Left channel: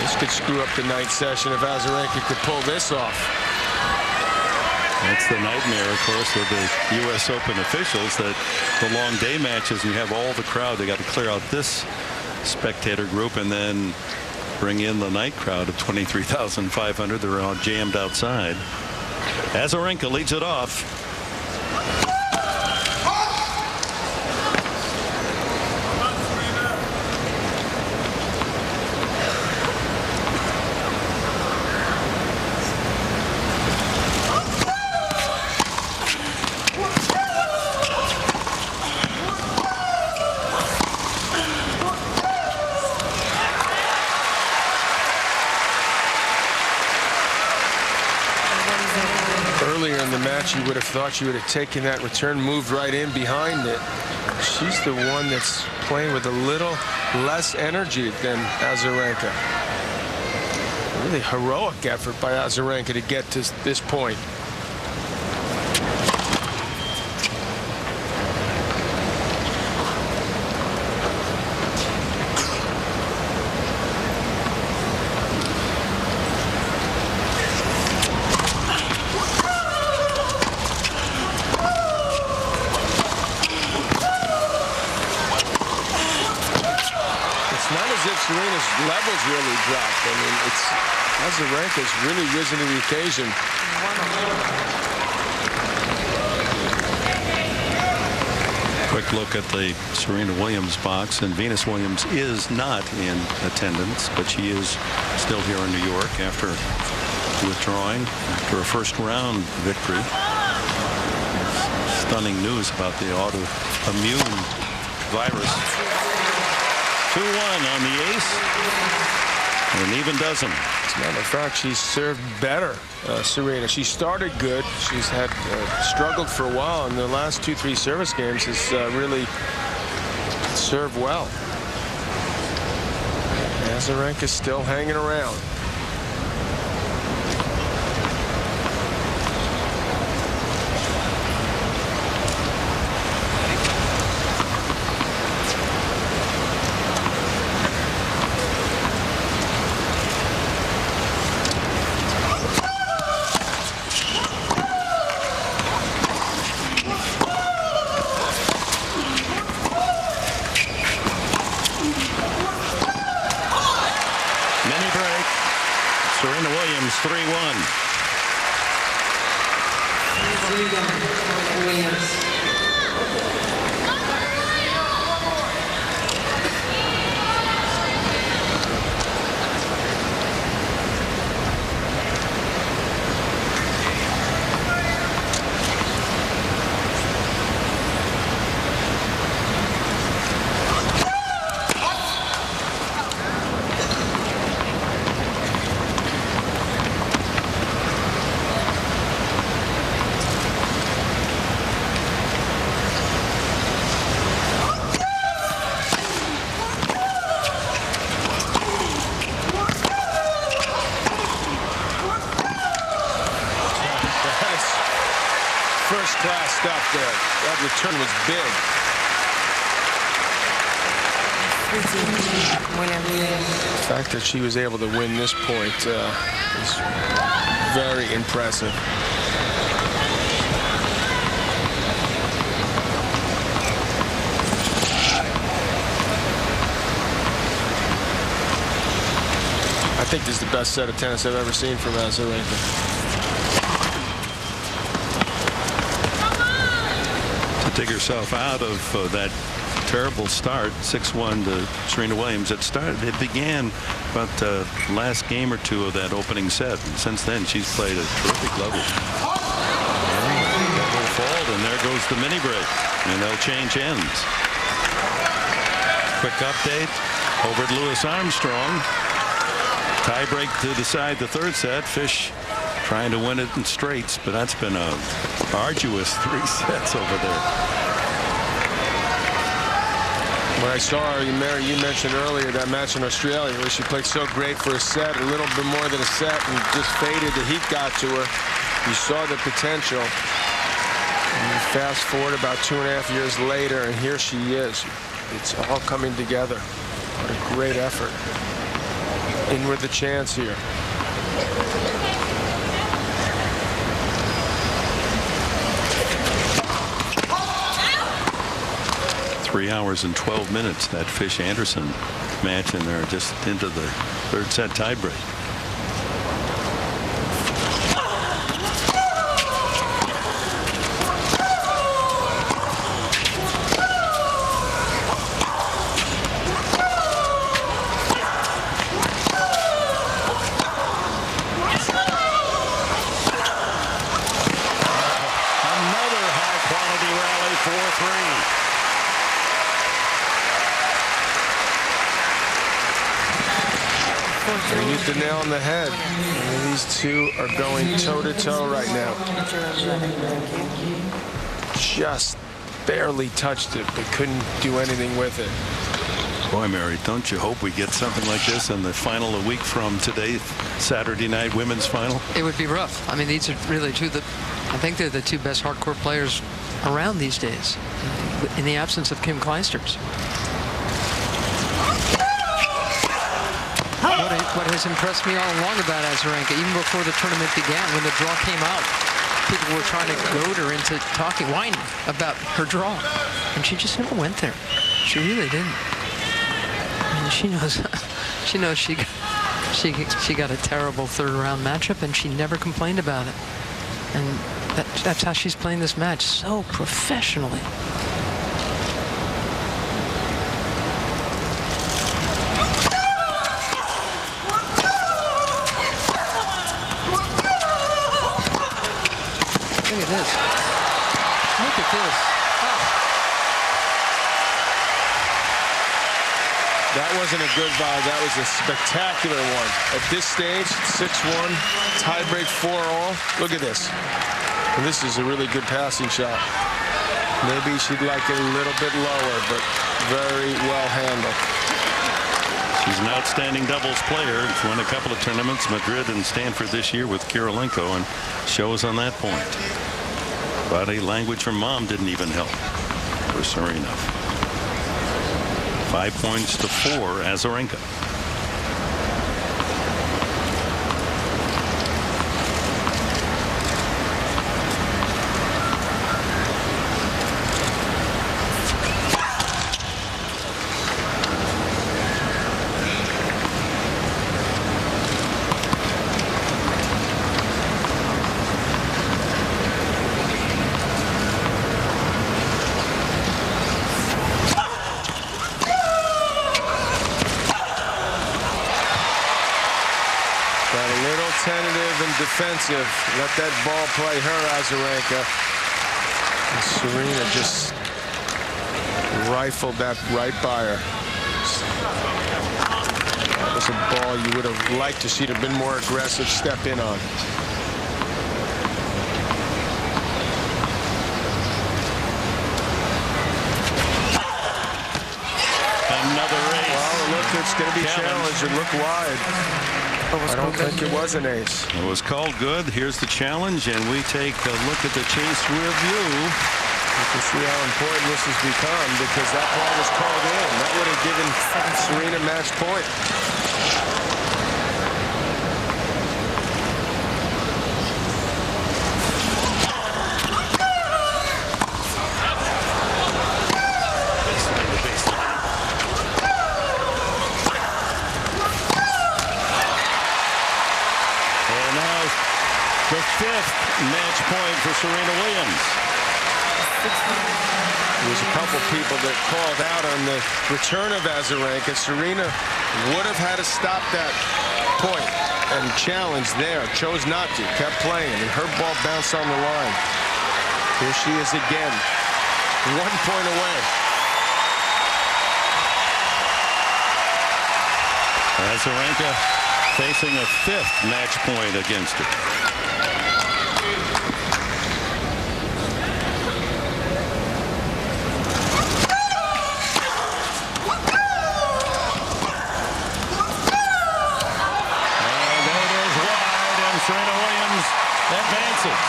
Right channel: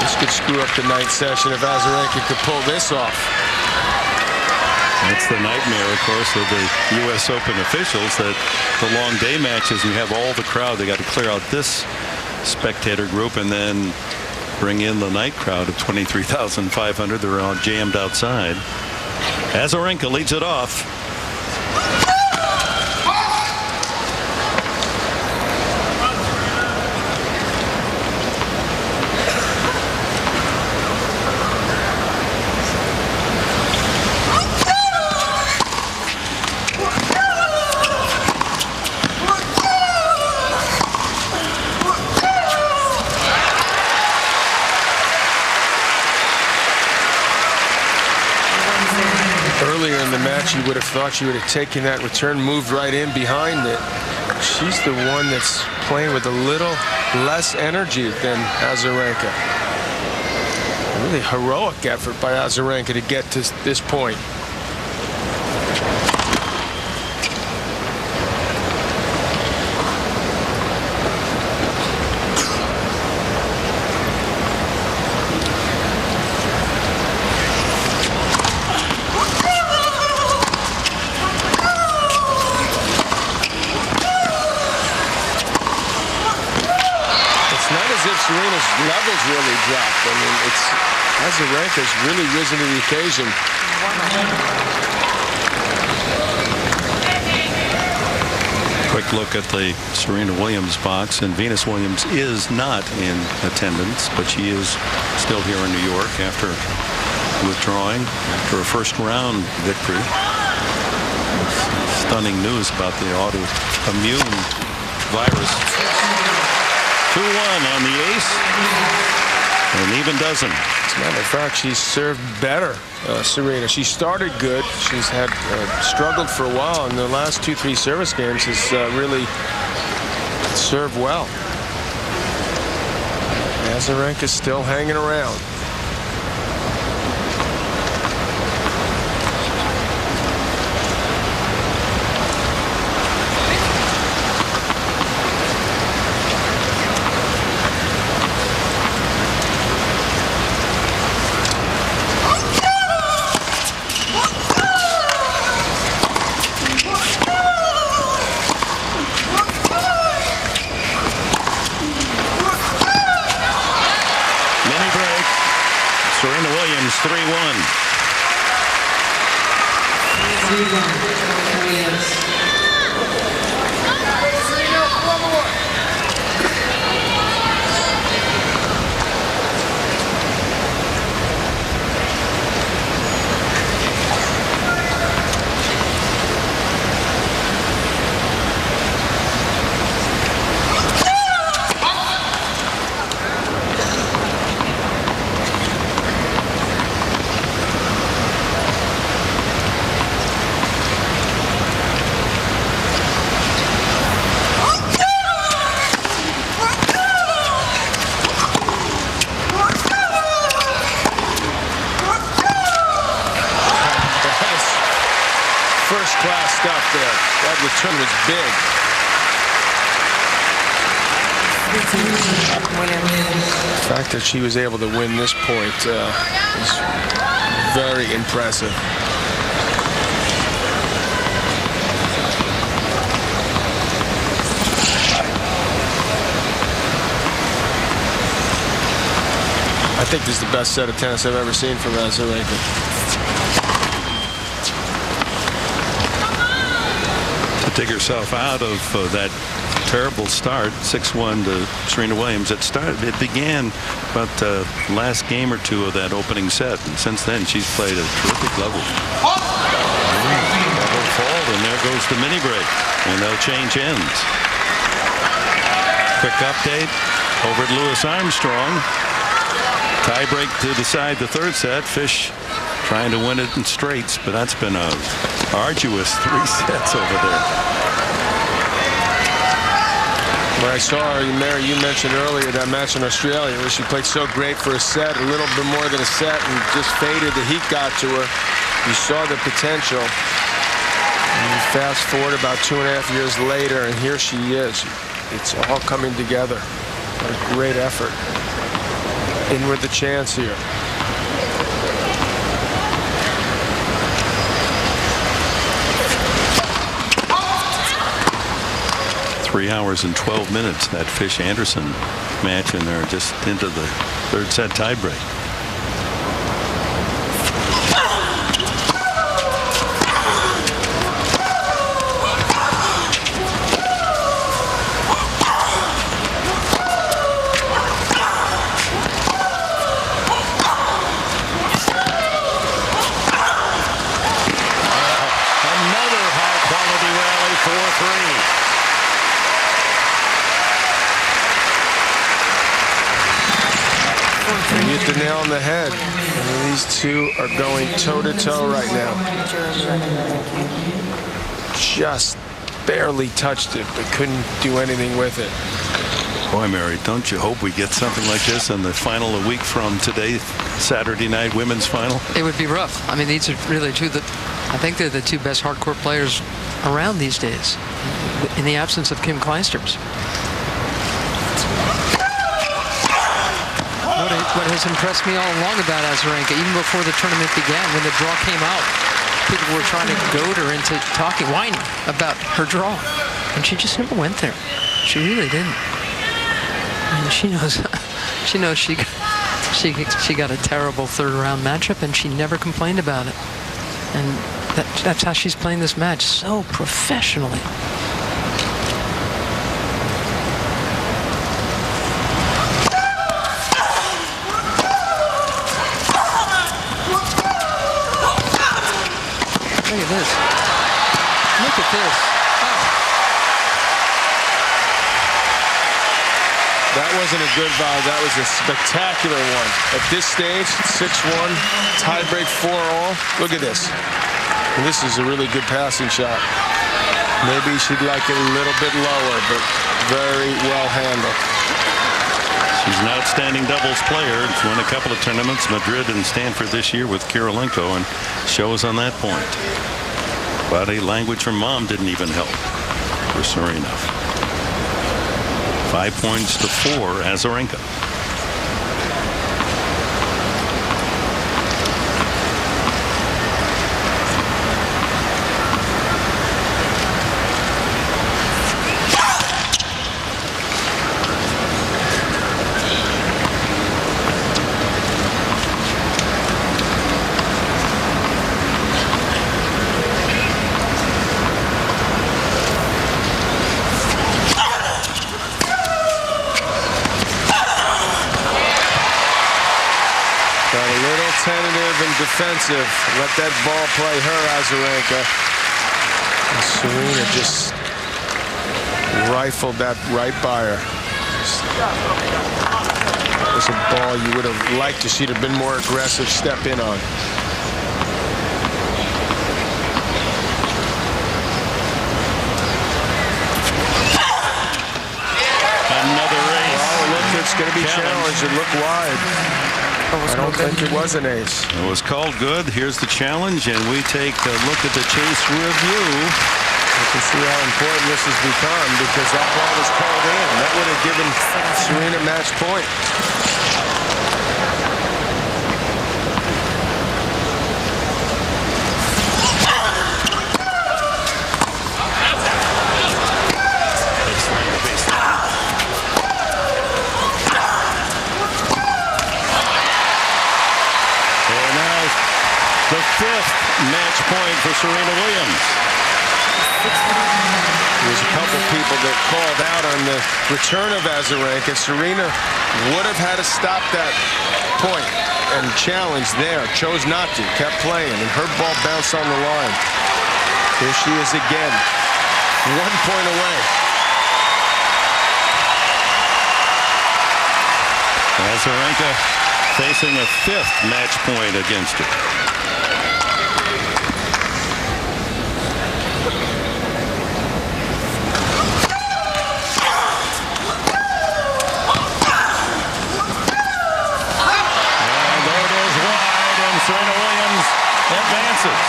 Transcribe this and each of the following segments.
This could screw up the night session if Azarenka could pull this off. That's the nightmare, of course, of the U.S. Open officials, that the long day matches, and you have all the crowd. They got to clear out this spectator group and then bring in the night crowd of 23,500. They're all jammed outside. Azarenka leads it off. Earlier in the match, you would have thought she would have taken that return, moved right in behind it. She's the one that's playing with a little less energy than Azarenka. A really heroic effort by Azarenka to get to this point. It's not as if Serena's levels really dropped. I mean, Azarenka's really risen to the occasion. Quick look at the Serena Williams box, and Venus Williams is not in attendance, but she is still here in New York after withdrawing after a first round victory. Stunning news about the autoimmune virus. 2-1 on the ace. An even dozen. As a matter of fact, she's served better, Serena. She started good. She's had struggled for a while. In the last 2-3 service games has really served well. Azarenka's still hanging around. Mini break. Serena Williams 3-1. 3-1 Williams. First class stuff there. That return was big. The fact that she was able to win this point is very impressive. I think this is the best set of tennis I've ever seen from Azarenka. To dig herself out of that terrible start, 6-1 to Serena Williams. It began about the last game or two of that opening set, and since then she's played a terrific level. Double fault, and there goes the mini break, and they'll change ends. Quick update over at Louis Armstrong. Tie break to decide the third set. Fish trying to win it in straights, but that's been a arduous 3 sets over there. When I saw her, Mary, you mentioned earlier that match in Australia where she played so great for a set, a little bit more than a set, and just faded. The heat got to her. You saw the potential. And you fast forward about 2.5 years later, and here she is. It's all coming together. What a great effort. in with the chance here. Three hours and 12 minutes, that Fish-Anderson match, and they're just into the third set tiebreak. Another high-quality rally, 4-3. You hit the nail on the head. And these two are going toe-to-toe right now. Just barely touched it, but couldn't do anything with it. Boy, Mary, don't you hope we get something like this in the final a week from today, Saturday night women's final? It would be rough. I mean, these are really I think they're the two best hardcore players around these days, in the absence of Kim Clijsters. What has impressed me all along about Azarenka, even before the tournament began, when the draw came out, people were trying to goad her into whining about her draw, and she just never went there. She really didn't. I mean, she knows she got a terrible third-round matchup, and she never complained about it. And that's how she's playing this match, so professionally. Look at this. Look at this. Oh. That wasn't a good volley. That was a spectacular one. At this stage, 6-1, tiebreak 4-all. Look at this. And this is a really good passing shot. Maybe she'd like it a little bit lower, but very well handled. She's an outstanding doubles player. She's won a couple of tournaments, Madrid and Stanford this year with Kirilenko, and shows on that point. Body language from mom didn't even help for Sarena. 5 points to 4, Azarenka. Got a little tentative and defensive. Let that ball play her, Azarenka. And Sarena just rifled that right by her. That was a ball you would have liked to see have been more aggressive step in on. Another ace. Well, look, it's going to be challenged and look wide. I don't think it was an ace. It was called good. Here's the challenge, and we take a look at the chase review. You can see how important this has become because that ball was called in. That would have given Sarena match point. Baseline to baseline. And now the 5th match point for Serena Williams. There was a couple people that called out on the return of Azarenka. Sarena would have had to stop that point and challenge there. Chose not to. Kept playing, and her ball bounced on the line. Here she is again. 1 point away. Azarenka facing a 5th match point against her. And there it is, wide, and Serena Williams advances.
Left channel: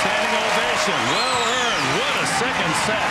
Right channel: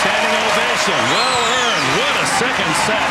Standing ovation, well earned. What a second set.